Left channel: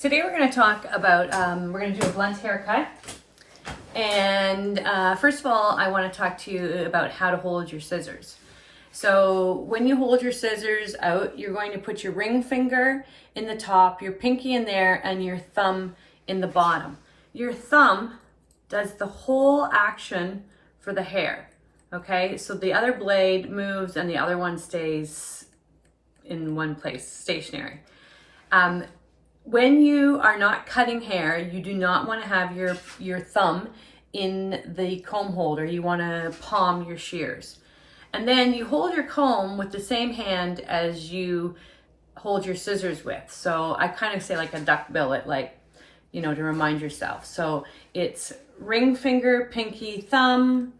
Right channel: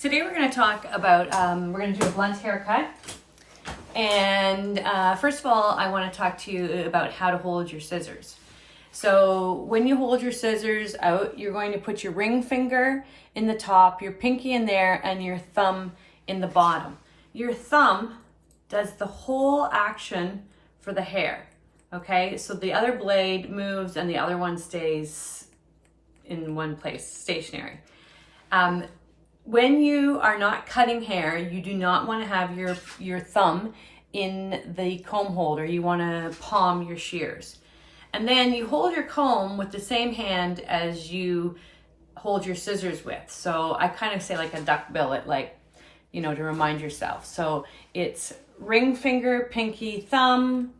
Today we're going to talk about, we're going to do a blunt haircut. And first of all, I want to talk to you about how to hold your scissors. So when you hold your scissors out, you're going to put your ring finger in the top, your pinky in there, and your thumb in the bottom. Your thumb does the whole action for the hair, okay? So the other blade moves and the other one stays in one place, stationary. When you are not cutting hair, you do not want to have your thumb in the comb holder. You want to palm your shears. And then you hold your comb with the same hand as you hold your scissors with. So I kind of say like a duck billet, like, you know, to remind yourself. So it's ring finger, pinky, thumb,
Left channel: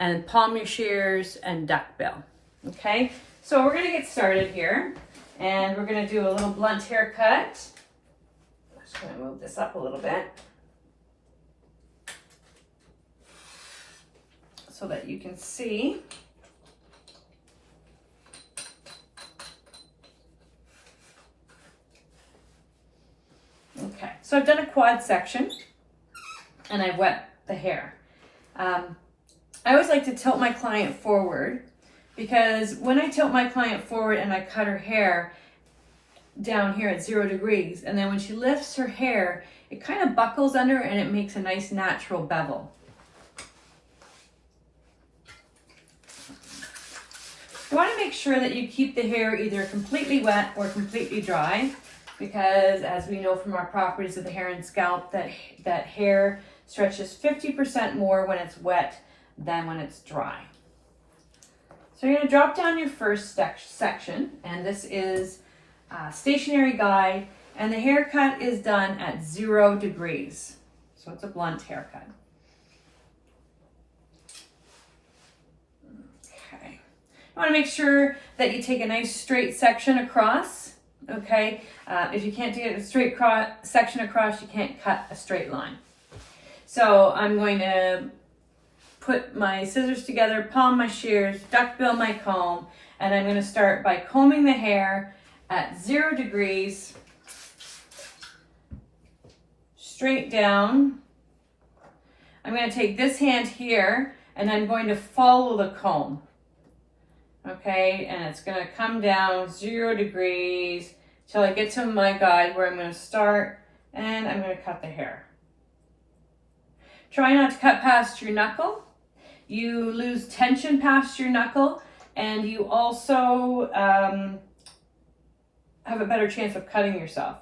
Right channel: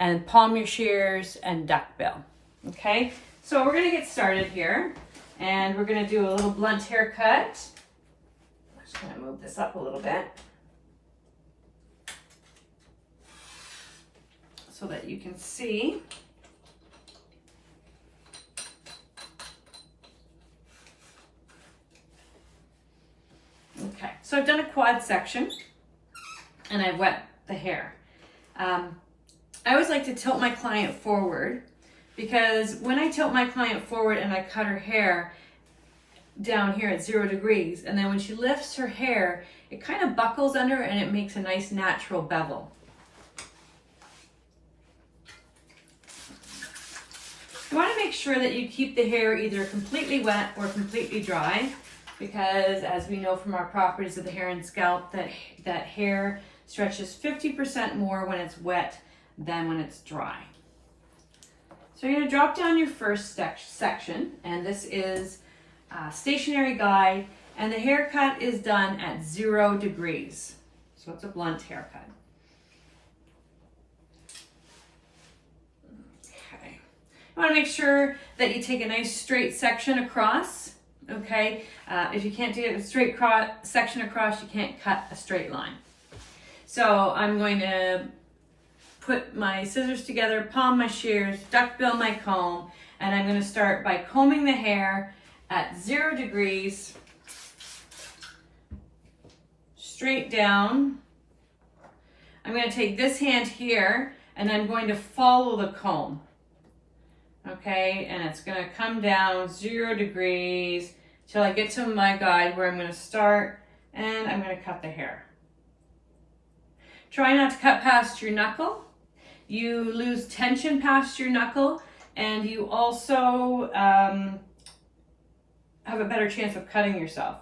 and palm your shears and duck bill. Okay, so we're gonna get started here. And we're going to do a little blunt haircut. I'm just going to move this up a little bit so that you can see. Okay, so I've done a quad section and I've wet the hair. I always like to tilt my client forward, because when I tilt my client forward and I cut her hair down here at 0 degrees, and then when she lifts her hair, it kind of buckles under and it makes a nice natural bevel. You want to make sure that you keep the hair either completely wet or completely dry, because as we know from our properties of the hair and scalp, that hair stretches 50% more when it's wet than when it's dry. So you're going to drop down your first section, and this is a stationary guide, and the haircut is done at 0 degrees. So it's a blunt haircut. Okay. You want to make sure that you take a nice straight section across, okay? If you can't do a straight section across, you can't cut a straight line. So I'm going to put my scissors together, palm my shears, duck bill my comb, and I'm going to start by combing the hair at 0 degrees, straight down. I'm going to take this hand here and I'm going to follow the comb. Okay, and it's going to come down 0 degrees till I get to my guide where I'm going to start, and I'm going to cut the hair. Try not to cut past your knuckle. You lose tension past your knuckle, and you also have a better chance of cutting yourself.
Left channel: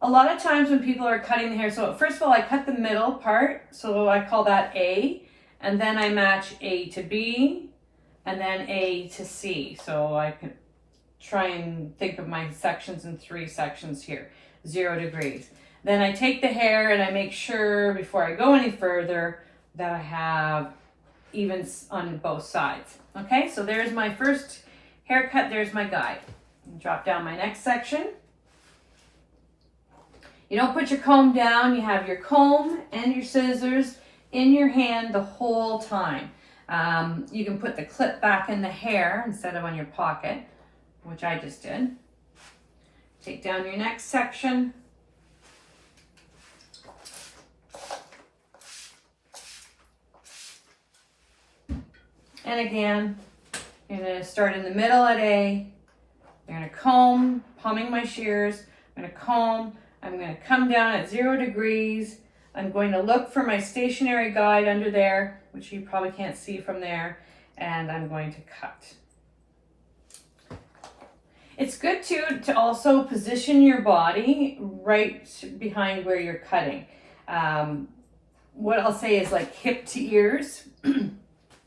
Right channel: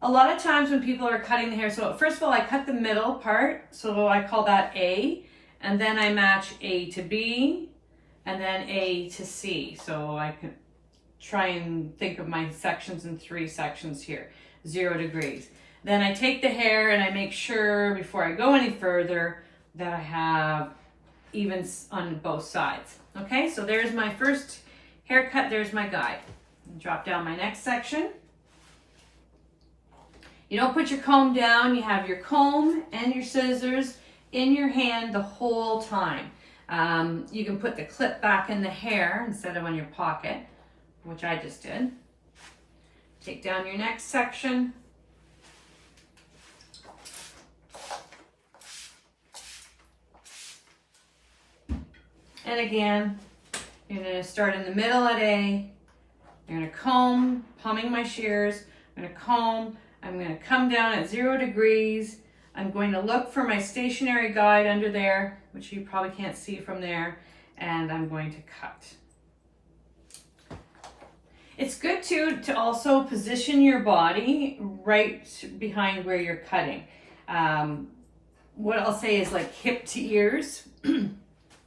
A lot of times when people are cutting the hair, so first of all, I cut the middle part, so I call that A, and then I match A to B, and then A to C. So I can try and think of my sections in 3 sections here, 0 degrees. Then I take the hair and I make sure before I go any further that I have even on both sides. Okay, so there's my first haircut, there's my guide. Drop down my next section. You don't put your comb down, you have your comb and your scissors in your hand the whole time. You can put the clip back in the hair instead of on your pocket, which I just did. Take down your next section. And again, you're going to start in the middle at A. I'm going to comb, palming my shears. I'm going to comb. I'm going to come down at 0 degrees. I'm going to look for my stationary guide under there, which you probably can't see from there. And I'm going to cut. It's good to also position your body right behind where you're cutting. What I'll say is like hip to ears.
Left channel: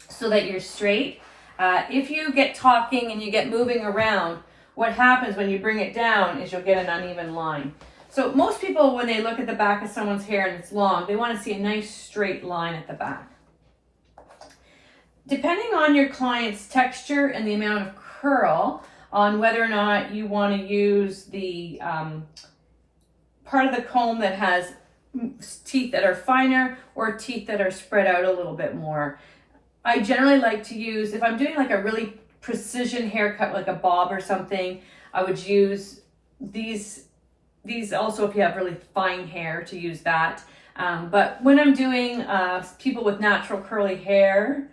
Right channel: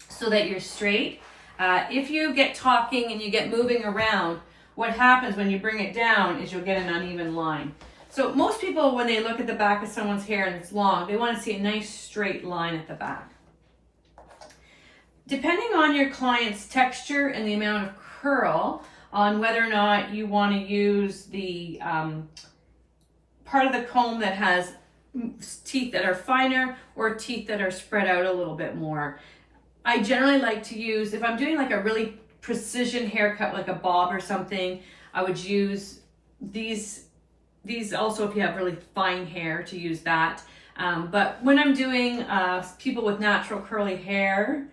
So that you're straight. If you get talking and you get moving around, what happens when you bring it down is you'll get an uneven line. So most people, when they look at the back of someone's hair and it's long, they want to see a nice straight line at the back. Depending on your client's texture and the amount of curl, on whether or not you want to use the part of the comb that has teeth that are finer or teeth that are spread out a little bit more. I generally like to use, if I'm doing like a really precision haircut, like a bob or something, I would use these these also, if you have really fine hair, to use that. But when I'm doing people with natural curly hair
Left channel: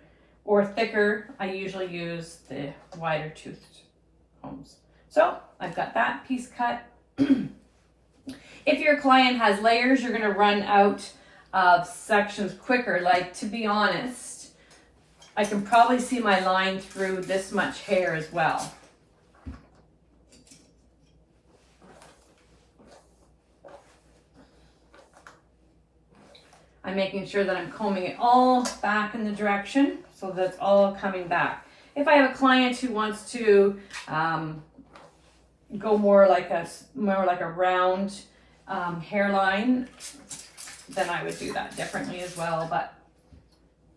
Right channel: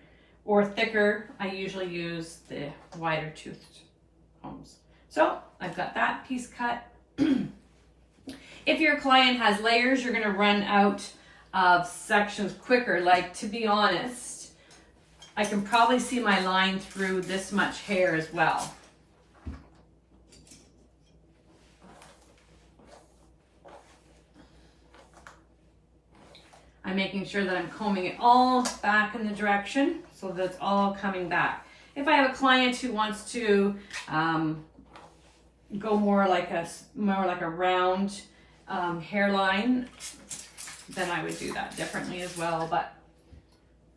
or thicker, I usually use the wider toothed combs. So I've got that piece cut. If your client has layers, you're going to run out of sections quicker. Like, to be honest, I can probably see my line through this much hair as well. I'm making sure that I'm combing it all back in the direction so that it's all coming back. If I have a client who wants to go more like a round hairline, then I would do that differently as well. But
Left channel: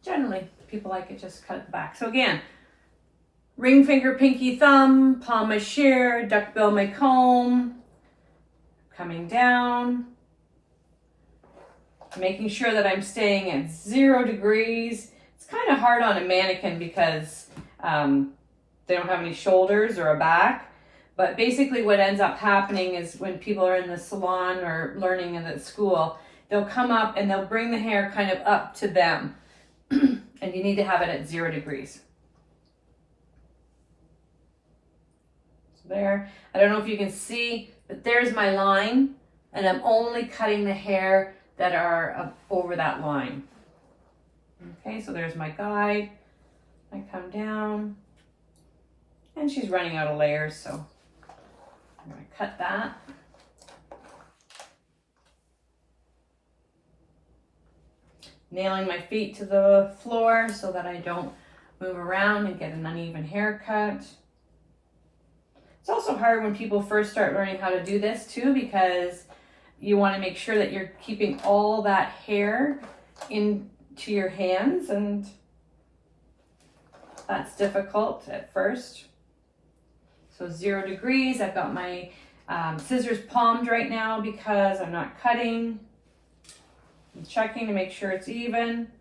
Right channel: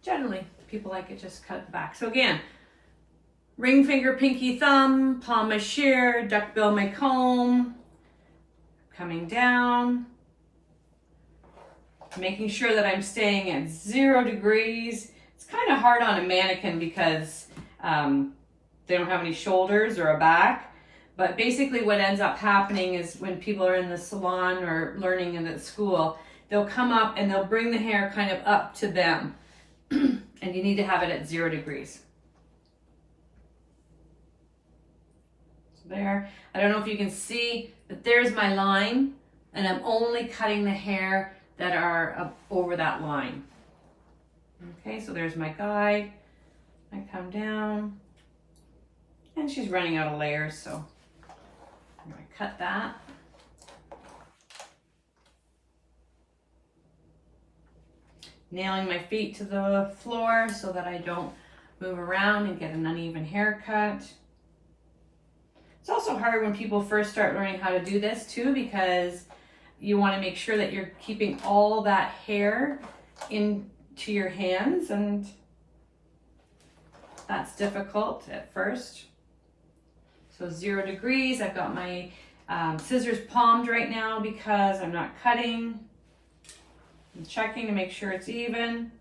generally, people like it just cut back. So again, ring finger, pinky thumb, palm my shear, duckbill my comb, coming down. Making sure that I'm staying at 0 degrees. It's kind of hard on a mannequin because they don't have any shoulders or a back. But basically what ends up happening is when people are in the salon or learning in the school, they'll come up and they'll bring the hair kind of up to them. And you need to have it at 0 degrees. So there. I don't know if you can see, but there's my line. And I'm only cutting the hair that are over that line. Okay, so there's my guide. I come down, and she's running out of layers, so I'm going to cut that. Nailing my feet to the floor so that I don't move around and get an uneven haircut. It's also hard when people first start learning how to do this too, because you want to make sure that you're keeping all that hair into your hands, and that's difficult at first. So 0 degrees. I've got my scissors palmed right now because I'm not cutting. I'm checking to make sure it's even.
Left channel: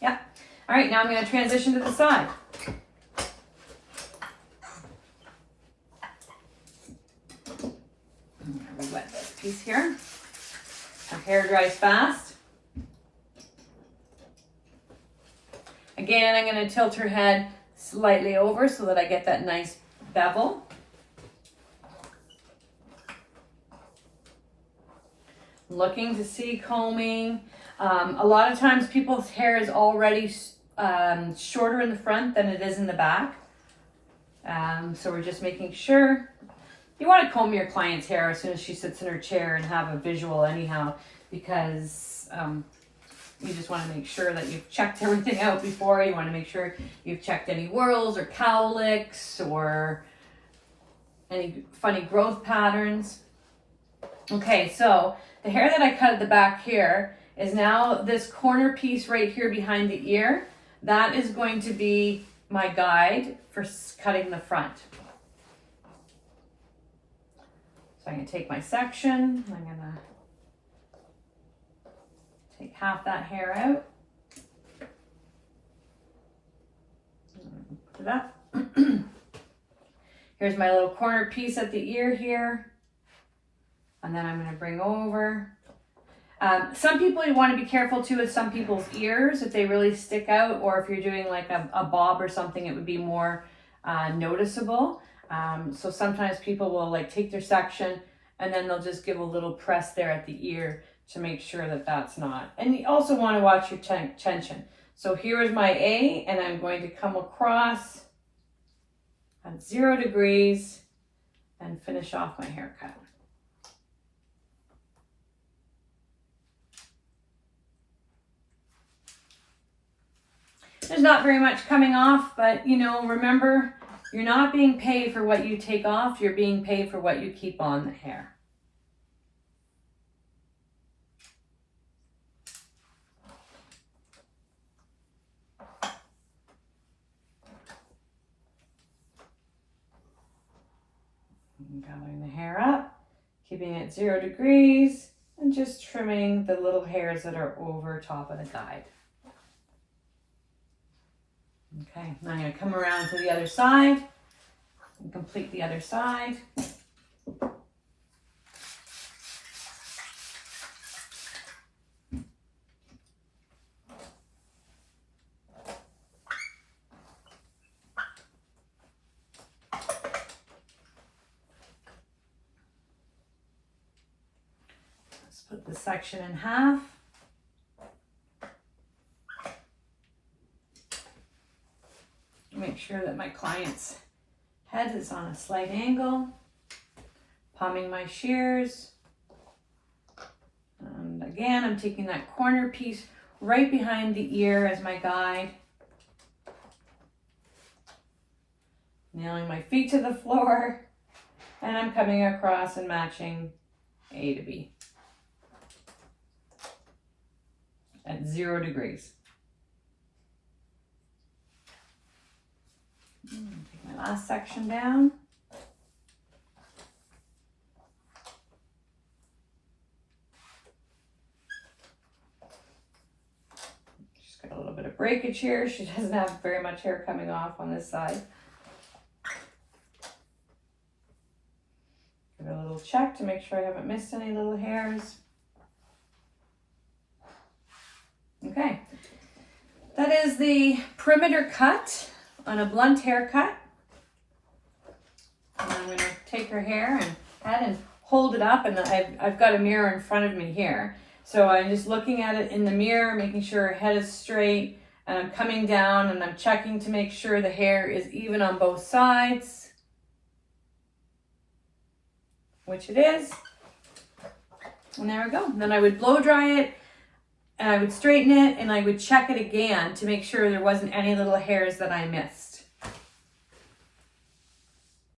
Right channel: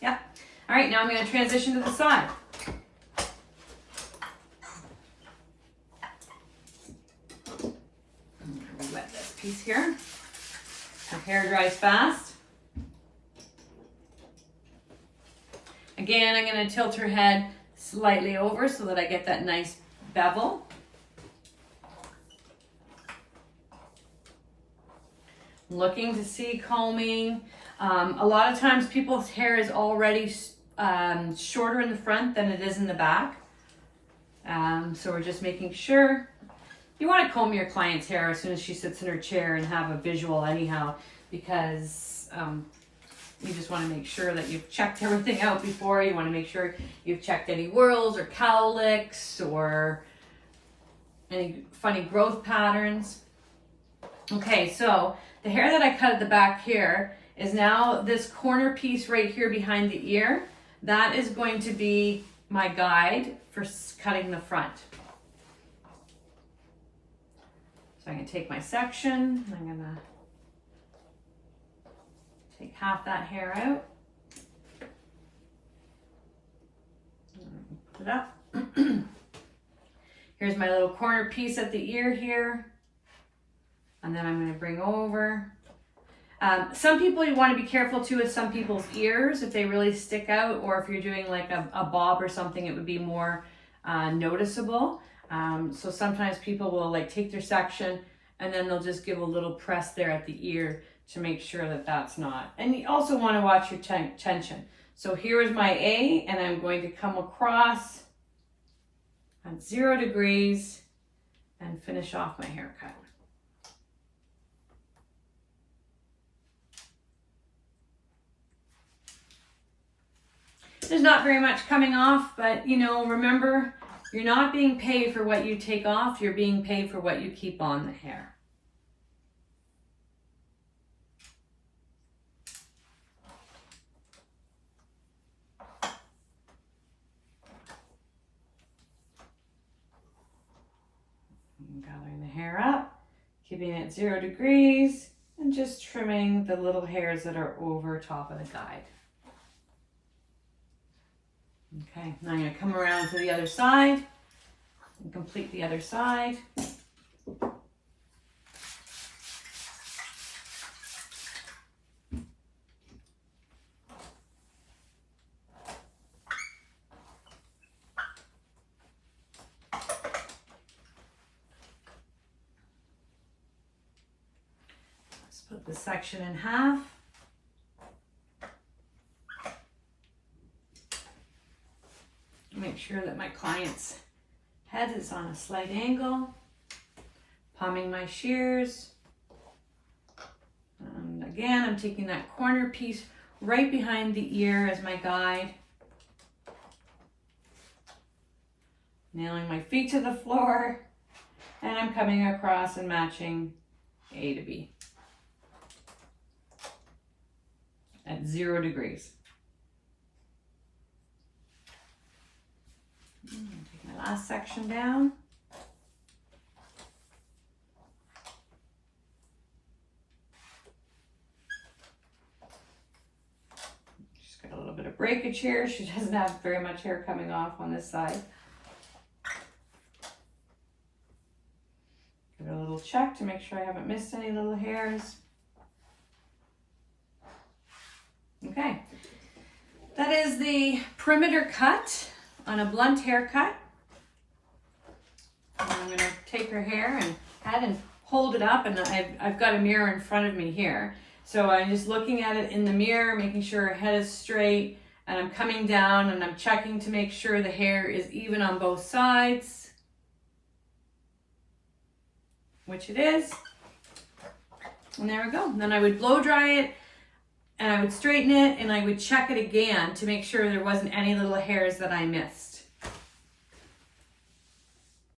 Yeah. All right, now I'm going to transition to the side. Wet this piece here. Her hair dries fast. Again, I'm going to tilt her head slightly over so that I get that nice bevel. Looking to see combing. A lot of times people's hair is already shorter in the front than it is in the back. So we're just making sure. You want to comb your client's hair as soon as she sits in her chair and have a visual anyhow, because you just want to make sure that you've checked everything out before. You want to make sure you've checked any whorls or cowlicks or any funny growth patterns. Okay, so the hair that I cut at the back here is now this corner piece right here behind the ear. That is going to be my guide for cutting the front. So I'm going to take my section, I'm going to take half that hair out, put it up. Here's my little corner piece at the ear here, and then I'm going to bring over. Some people, you want to be careful too with some people's ears if they really stick out, or if you're doing like a bob or something, it would be more noticeable. So sometimes people will like take their section and then they'll just give a little press there at the ear to make sure that that's not. And you also want to watch your tension. So here is my A, and I'm going to come across at 0 degrees and finish off my haircut. There's not very much coming off, but you know, remember, you're not being paid for what you take off, you're being paid for what you keep on the hair. Gathering the hair up, keeping it 0 degrees, and just trimming the little hairs that are over top of the guide. Okay, now I'm going to come around to the other side and complete the other side. Split the section in half. Make sure that my client's head is on a slight angle. Palming my shears. And again, I'm taking that corner piece right behind the ear as my guide. Nailing my feet to the floor. And I'm coming across and matching A to B at 0 degrees. Take my last section down. Just got a little bit of breakage here. She doesn't have very much hair coming off on this side. Give it a little check to make sure I haven't missed any little hairs. Okay, that is the perimeter cut on a blunt haircut. And I'm going to take her hair and head and hold it up, and I've got a mirror in front of me here. So I'm just looking at it in the mirror, making sure her head is straight, and I'm coming down and I'm checking to make sure the hair is even on both sides, which it is. And there we go. And then I would blow dry it, and I would straighten it, and I would check it again to make sure there wasn't any little hairs that I missed.